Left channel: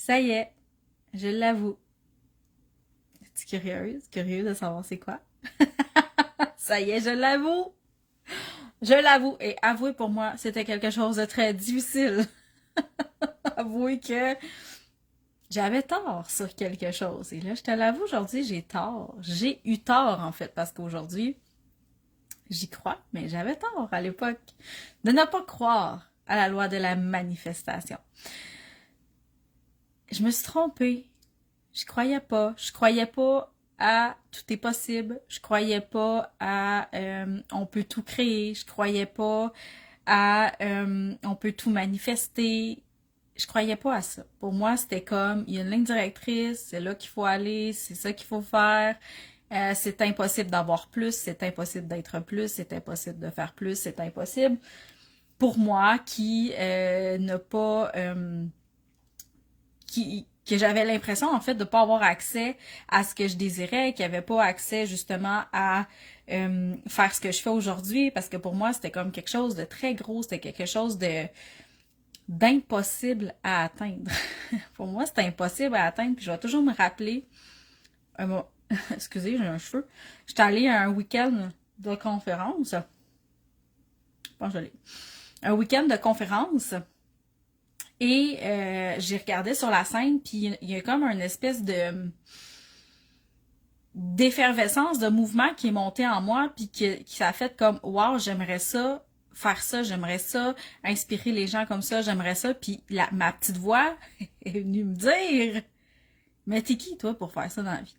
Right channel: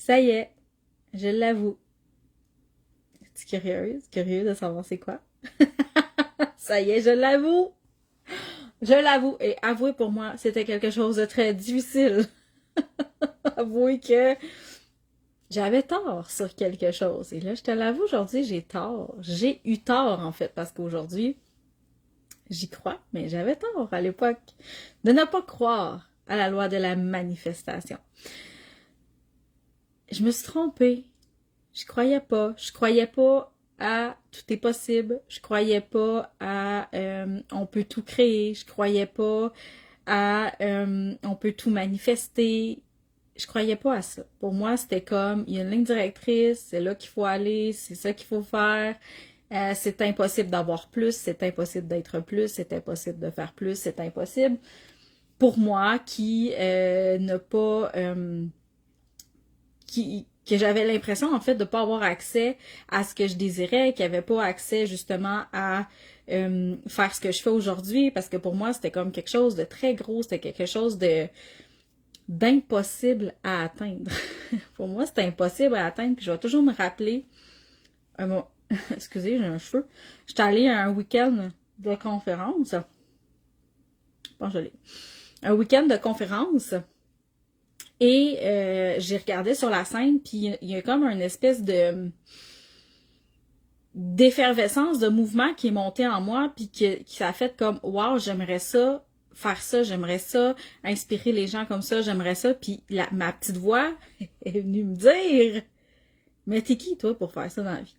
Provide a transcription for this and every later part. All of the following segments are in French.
Ça y est, je l'avoue. Es-tu curieuse? Curieuse de savoir c'est quoi? Ça y est, je l'avoue! Je l'avoue. Et avouer pour moi, c'était quelque chose de très difficile. Avouer que j'avais tort sur quelque chose. Et là, je te l'avoue, aujourd'hui, j'ai tort. J'ai eu tort, en fait, parce qu'aujourd'hui, j'y crois, mais j'avais tort à l'époque de ne pas croire à la loi de la manifestation. Je me suis trompée. Je croyais pas. Je croyais pas à tout est possible. Je croyais pas à on peut tout créer. Je croyais pas à on peut tout manifester. Je croyais pas à ça. Pour moi, c'était comme il y a une ligne directrice, c'est là qu'il faut aller, c'est ça qu'il faut faire. C'est impossible d'avoir plus, c'est impossible d'être plus, c'est impossible de faire plus, c'est impossible. Pour moi, qui n'a pas que j'avais l'impression en fait de pas avoir accès à ce que je désirais, qu'il n'y avait pas accès justement à faire ce que je fais aujourd'hui, parce que pour moi c'était comme quelque chose de très gros, c'était quelque chose de d'impossible à atteindre. Pour moi c'était impossible à atteindre, puis je vais toujours me rappeler excusez, j'ai un cheveu. J'étais allée à un week-end de conférence. Bon, je l'ai. Un week-end de conférence. Et j'ai regardé sur la scène, puis il y a comme une espèce de d'effervescence, de mouvement qui est monté en moi, puis qui a fait comme « Wow, j'aimerais ça, faire ça, j'aimerais ça, inspirer les gens comme ça, j'aimerais ça. » Puis ma petite voix est venue me dire « Mais t'es qui, toi, pour faire ça dans la vie? »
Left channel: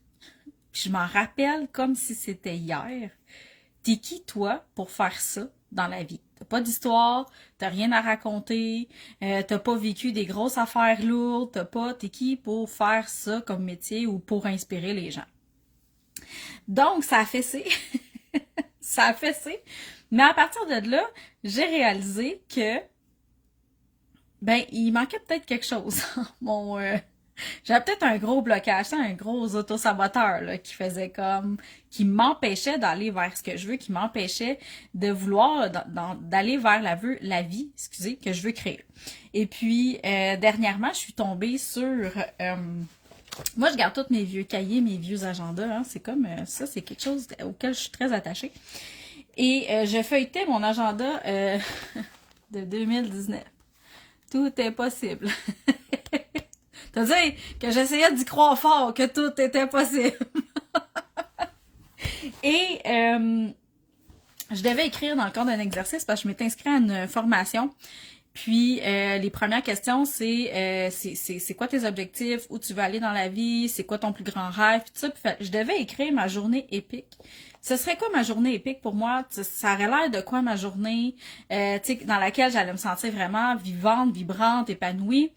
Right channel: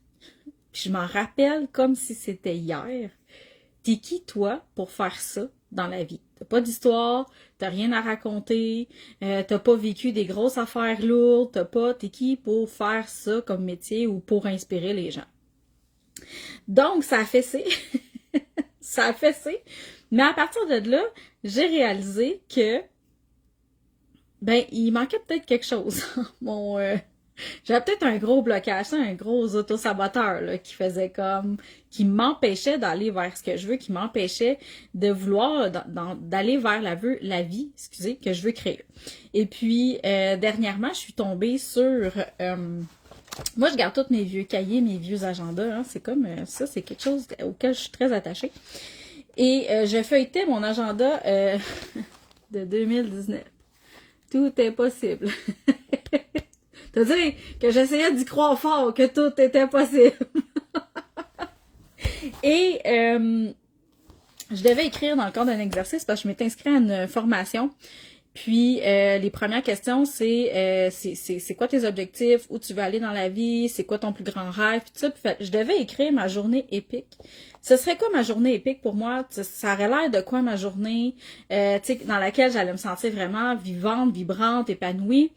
Puis je m'en rappelle comme si c'était hier. T'es qui, toi, pour faire ça dans la vie? T'as pas d'histoire, t'as rien à raconter, t'as pas vécu des grosses affaires lourdes, t'es qui pour faire ça comme métier ou pour inspirer les gens? Donc, ça a fessé. Ça a fessé. Mais à partir de là, j'ai réalisé que, ben, il manquait peut-être quelque chose. J'avais peut-être un gros blocage, un gros autosaboteur là, qui m'empêchait d'aller vers ce que je veux, qui m'empêchait de vouloir, d'aller vers la vie, que je veux créer. Et puis, dernièrement, je suis tombée sur... moi, je garde tous mes vieux cahiers, mes vieux agendas. Hein, c'est comme ça, c'est quelque chose auquel je suis très attachée. Et je feuilletais mon agenda de 2019. Tout est possible. C'est-à-dire que j'essayais d'y croire fort que tout était possible. Et je devais écrire dans le cadre d'un exercice parce que je m'étais inscrite à une formation. Puis les premières questions, c'est quoi tes objectifs, où tu veux aller dans la vie, c'est quoi ton plus grand rêve, tout ça. Puis, je devais écrire ma journée épique. Ce serait quoi ma journée épique pour moi? Ça aurait l'air de quoi ma journée, dans laquelle j'allais me sentir vraiment vivante, vibrante, épanouie.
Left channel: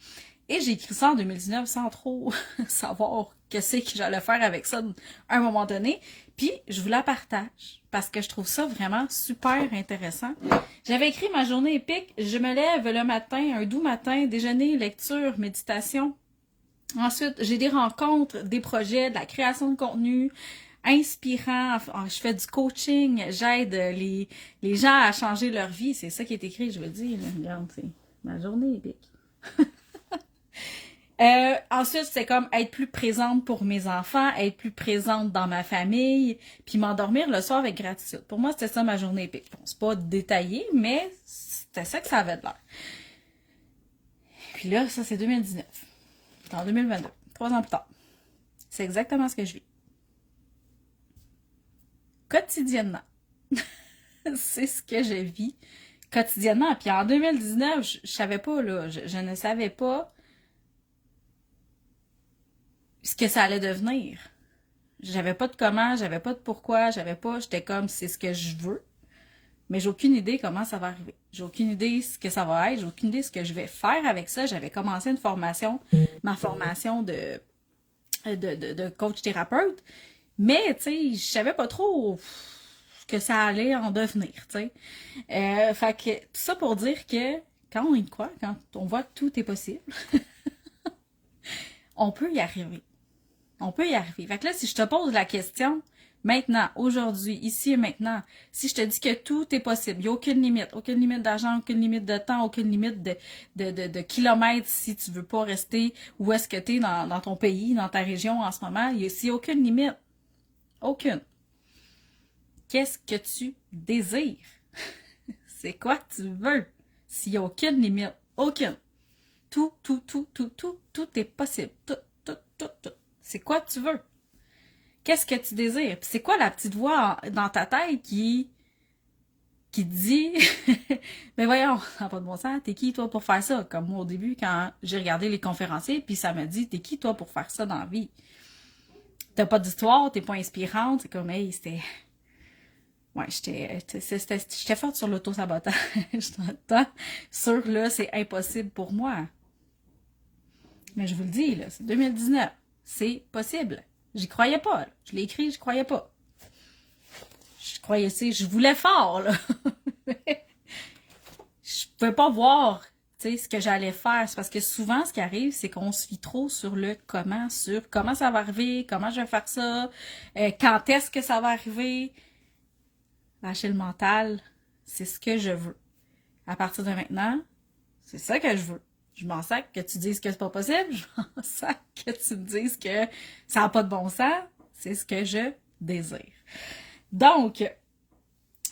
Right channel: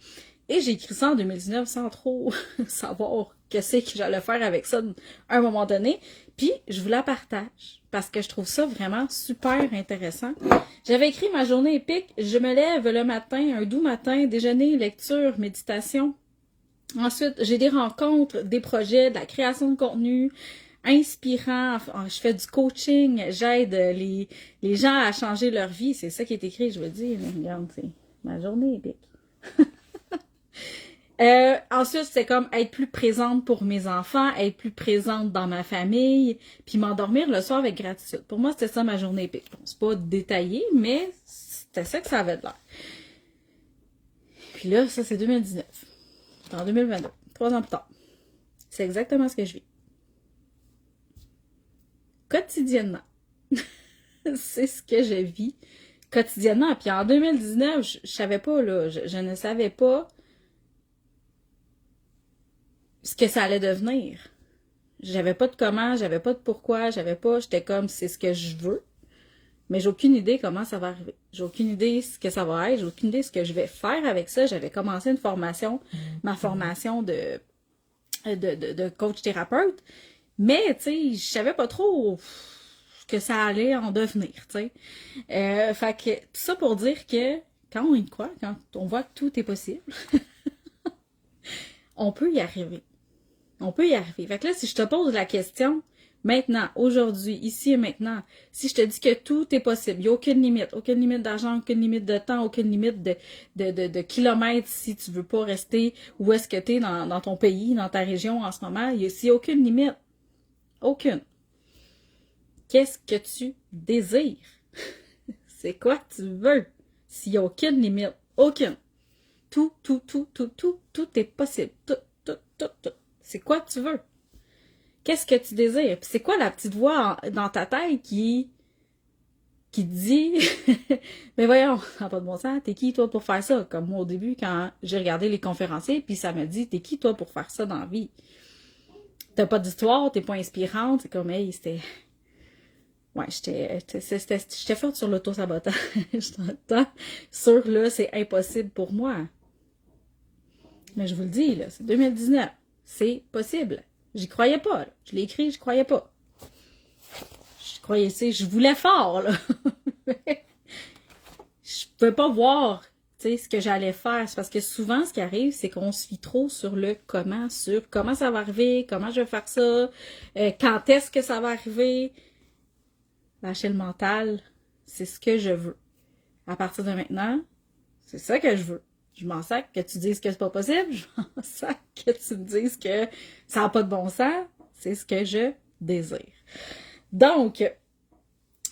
Et j'ai écrit ça en 2019 sans trop savoir que j'allais faire avec ça à un moment donné. Puis, je vous la partage parce que je trouve ça vraiment super intéressant. J'avais écrit ma journée épique. Je me lève le matin, un doux matin, déjeuner, lecture, méditation. Ensuite, j'ai des rencontres, des projets, de la création de contenu inspirant. Je fais du coaching, j'aide les gens à changer leur vie. C'est ça qui est écrit, je veux dire. Regarde, c'est ma journée épique. Ensuite, c'est comme être plus présente pour mes enfants, être plus présente dans ma famille, puis m'endormir le soir avec gratitude. Pour moi, c'était ça ma journée épique. Bon, c'est pas détaillé, mais c'était ça que ça avait de l'air. Puis là, ça, c'est 2019. C'est en 2022, 3 ans plus tard. C'est exactement ce que je vis. Quotidiennement. C'est ce que je vis quotidiennement. Puis en 2019, je savais pas, là, je ne savais pas ce que ça allait devenir. J'avais pas de comment, j'avais pas de pourquoi, j'étais comme c'est ce que je veux, mais j'ai aucune idée comment ça va arriver. J'ai aucune idée ce que ça va être, j'ai aucune idée ce que je vais faire avec ça. J'avais commencé une formation, ma formation de coach thérapeute, mais tu sais, je savais pas trop ce que ça allait en devenir, tu sais. Fait que tout ça pour dire que quand on y croit, quand on voit que tout est possible, on peut y arriver. On peut y arriver. Fait que là, si je te pose la question, maintenant, aujourd'hui, ici et maintenant, si je te dis que tout est possible, il n'y a aucune limite d'argent, aucune limite de temps, aucune limite de kilomètres si tu veux pas rester où est-ce que tu es dans ton pays, dans ta région en ce moment, il n'y a aucune limite. Aucune. Qu'est-ce que tu désires? C'est quoi que tu veux? S'il n'y a aucune limite, aucune. Tout est possible. Tout. C'est quoi que tu veux? Qu'est-ce que tu désires? Puis c'est quoi la petite voix dans ta tête qui dit mais voyons, ça n'a pas de bon sens, t'es qui toi pour faire ça? Comme moi au début, quand j'ai regardé les conférenciers, puis ça me dit, t'es qui toi pour faire ça dans la vie? T'as pas d'histoire, t'es pas inspirante, c'est comme, hey, c'était... Ouais, j'étais forte sur l'auto-sabotage. Sur là, c'est impossible pour moi. Mais je vous le dis, là, c'est 2019. C'est possible. J'y croyais pas. Là. Je l'ai écrit, je croyais pas. Je croyais, je voulais fort, là. Je pouvais pas voir, ce que j'allais faire. C'est parce que souvent, ce qui arrive, c'est qu'on se fie trop sur le comment, sur comment ça va arriver, comment je vais faire ça, quand est-ce que ça va arriver. Lâcher le mental, c'est ce que je veux. À partir de maintenant, c'est ça que je veux. Je m'en sac que tu dises que c'est pas possible. Je m'en sac que tu me dises que ça n'a pas de bon sens. C'est ce que je désire. Donc,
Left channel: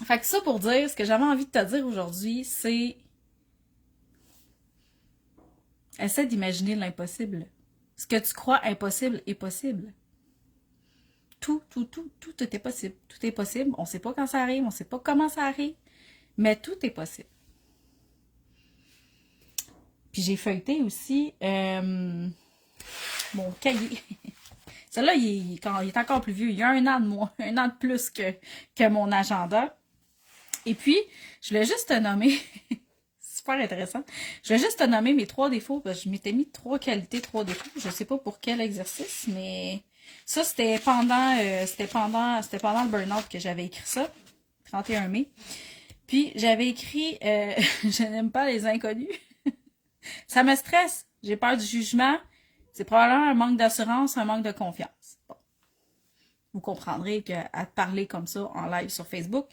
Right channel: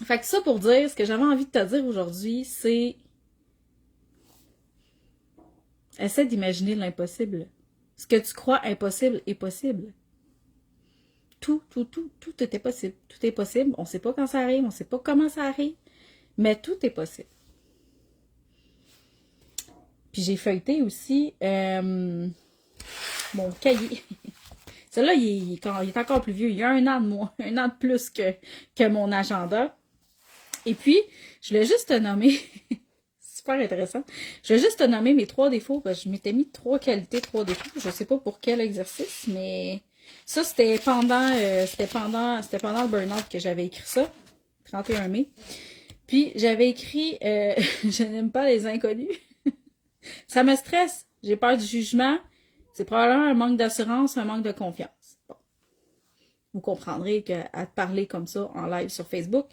fait que ça pour dire, ce que j'avais envie de te dire aujourd'hui, c'est essaie d'imaginer l'impossible. Ce que tu crois impossible est possible. Tout était possible. Tout est possible. On ne sait pas quand ça arrive, on ne sait pas comment ça arrive, mais tout est possible. Puis j'ai feuilleté aussi mon cahier. Celui-là, il est encore plus vieux. Il y a 1 an de moins, 1 an de plus que mon agenda. Et puis, je voulais juste te nommer, super intéressant, je voulais juste te nommer mes 3 défauts, parce que je m'étais mis 3 qualités, 3 défauts. Je ne sais pas pour quel exercice, mais ça, c'était pendant le burn-out que j'avais écrit ça, 31 mai. Puis, j'avais écrit, je n'aime pas les inconnus. Ça me stresse. J'ai peur du jugement. C'est probablement un manque d'assurance, un manque de confiance. Bon. Vous comprendrez qu'à te parler comme ça en live sur Facebook,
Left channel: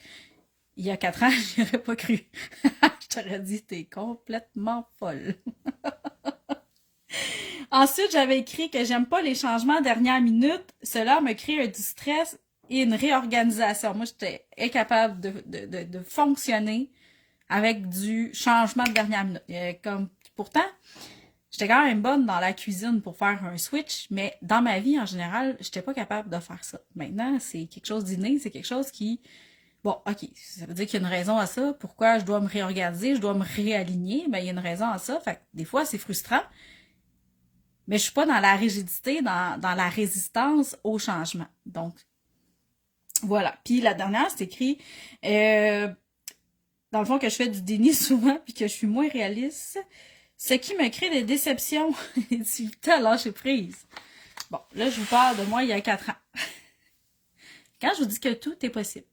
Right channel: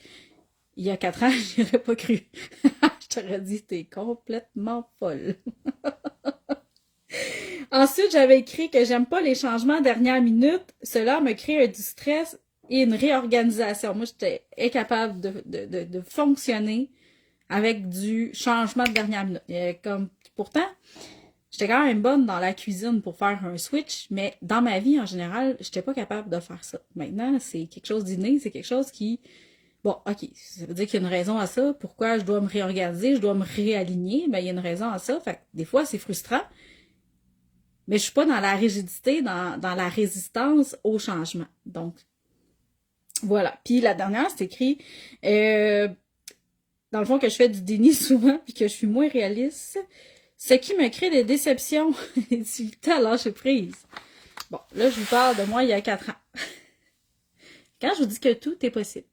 il y a 4 ans, je n'aurais pas cru. Je t'aurais dit, t'es complètement folle. Ensuite, j'avais écrit que j'aime pas les changements dernière minute. Cela me crée du stress et une réorganisation. Moi, j'étais incapable de fonctionner avec du changement de dernière minute. Pourtant, j'étais quand même bonne dans la cuisine pour faire un switch, mais dans ma vie, en général, j'étais pas capable de faire ça. Maintenant, c'est quelque chose d'inné, c'est quelque chose qui... Bon, OK, ça veut dire qu'il y a une raison à ça. Pourquoi je dois me réorganiser, je dois me réaligner? Ben, il y a une raison à ça. Fait que des fois, c'est frustrant, mais je suis pas dans la rigidité, dans la résistance au changement. Donc, voilà. Puis la dernière, c'est écrit... dans le fond, que je fais du déni souvent, puis que je suis moins réaliste... Ce qui me crée des déceptions et du difficultés à lâcher prise. Bon, là, je vous parle de moi il y a 4 ans. Quand je vous dis que tout est possible,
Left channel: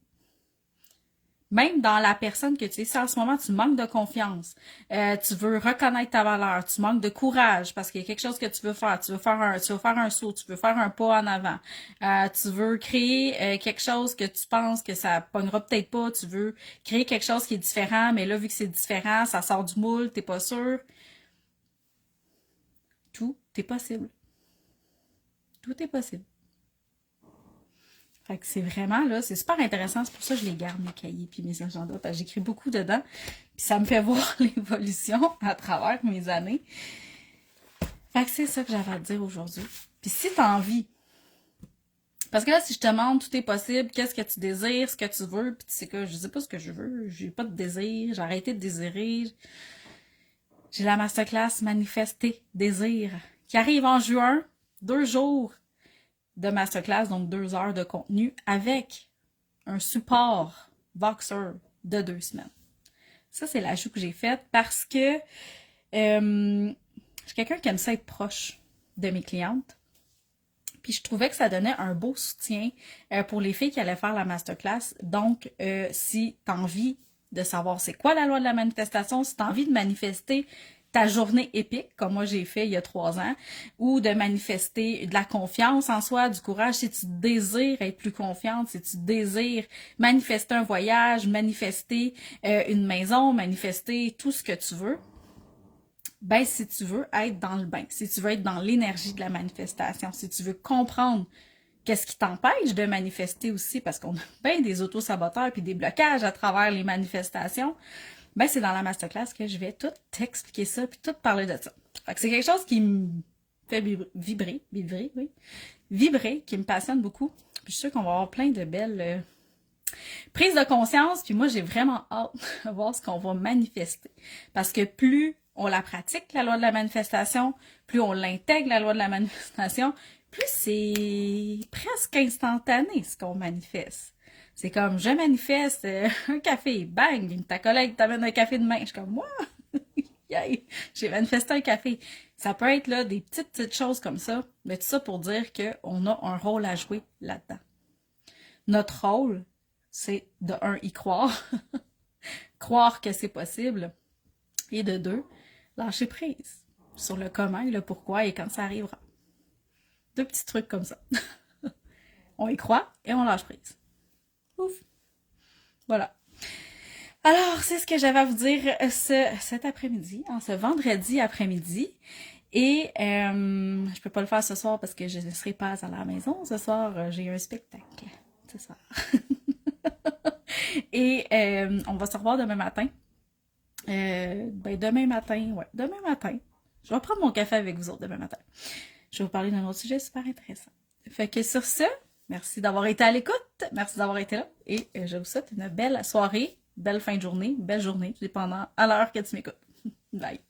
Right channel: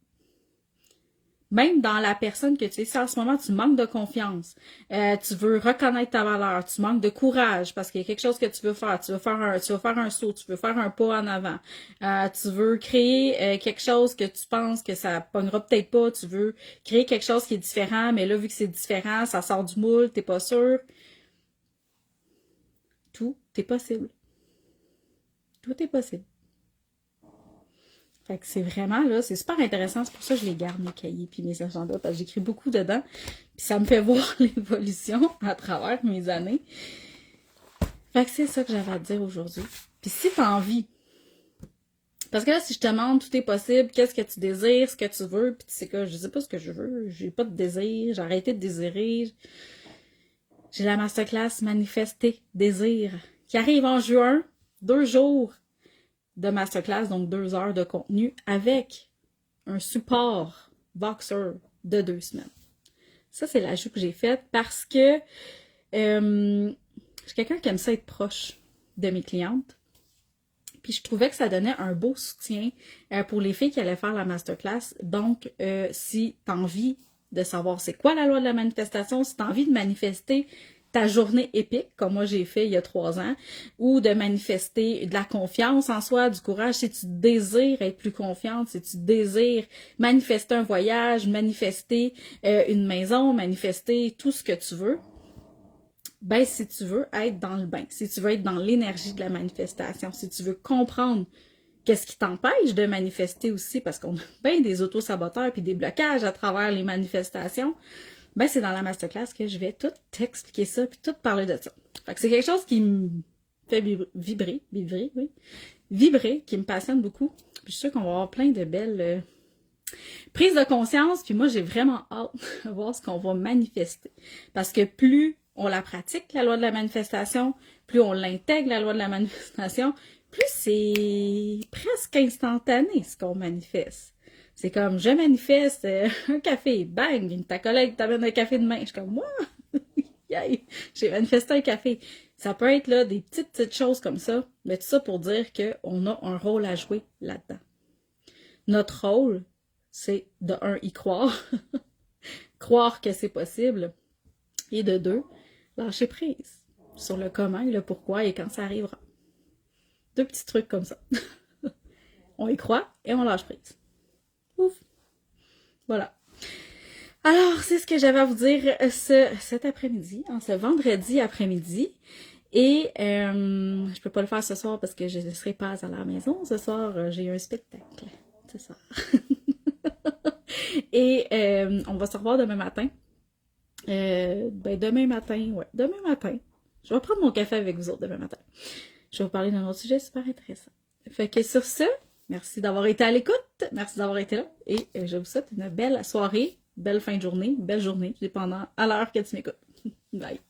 même dans la personne que tu es, si en ce moment tu manques de confiance, tu veux reconnaître ta valeur, tu manques de courage parce qu'il y a quelque chose que tu veux faire, tu veux faire un saut, tu veux faire un pas en avant, tu veux créer quelque chose que tu penses que ça pognera peut-être pas, tu veux créer quelque chose qui est différent, mais là, vu que c'est différent, ça sort du moule, t'es pas sûr. Tout est possible. Tout est possible. Fait que c'est vraiment, là, c'est super intéressant. C'est pour ça que je les garde, mes cahiers puis mes agendas, parce que j'écris beaucoup dedans. Puis ça me fait voir l'évolution à travers mes années. Fait que c'est ça que j'avais à te dire aujourd'hui. Puis si tu as envie, parce que là, si je te demande tout est possible, qu'est-ce que tu désires, ce que tu veux, puis tu sais quoi, je sais pas ce que je veux, j'ai pas de désir, j'ai arrêté de désirer. J'ai la masterclass Manifester Désir qui arrive en juin, 2 jours de masterclass, donc 2 heures de contenu avec un support Voxer de 2 semaines. Ça, c'est l'ajout que j'ai fait parce que je suis quelqu'un qui aime ça être proche de mes clientes. Puis je trouvais que ça donnait un beau soutien pour les filles qui allaient faire la masterclass. Donc, si tu as envie de savoir c'est quoi la loi de la manifestation, si tu as envie de manifester ta journée épique, comme moi j'ai fait il y a 3 ans, ou de manifester de la confiance en soi, du courage, si tu désires être plus confiante, si tu désires manifester un voyage, manifester une maison, manifester tout ce que tu veux, ben si tu veux être dans le bain, si tu veux être dans l'énergie de la manifestation, si tu veux comprendre qu'est-ce qui t'empêche de manifester aussi, parce qu'on a bien des auto-saboteurs puis des blocages à travers les manifestations, ben c'est dans la masterclass que je vais tout t'expliquer ça puis tout parler de ça. Fait que c'est quelque chose qui me fait vibrer, qui me passionne beaucoup. Puis je suis sûre qu'on va avoir plein de belles prises de conscience, puis moi j'ai vraiment hâte de voir ce qu'on va manifester. Parce que plus on la pratique, la loi de la manifestation, plus on l'intègre, la loi de la manifestation, plus c'est presque instantané ce qu'on manifeste. C'est comme, je manifeste un café, bang, ta collègue t'amène un café de main. Je suis comme, moi, j'ai manifesté un café. Ça peut être là des petites choses comme ça, mais tout ça pour dire qu'on a un rôle à jouer là-dedans. Notre rôle, c'est de un, y croire, croire que c'est possible, et de deux, lâcher prise sur le comment et le pourquoi et quand ça arrivera. 2 petits trucs comme ça. On y croit et on lâche prise. Ouf! Voilà. Alors, c'est ce que j'avais à vous dire cet après-midi, ce vendredi après-midi. Et je peux pas le faire ce soir parce que je ne serai pas à la maison. Ce soir, j'ai un spectacle. C'est ça. Et on va se revoir demain matin. Demain matin. Je vais prendre mon café avec vous autres demain matin. Je vais vous parler d'un autre sujet super intéressant. Fait que sur ce, merci d'avoir été à l'écoute, merci d'avoir été là, et je vous souhaite une belle soirée, belle fin de journée, belle journée, dépendant à l'heure que tu m'écoutes. Bye!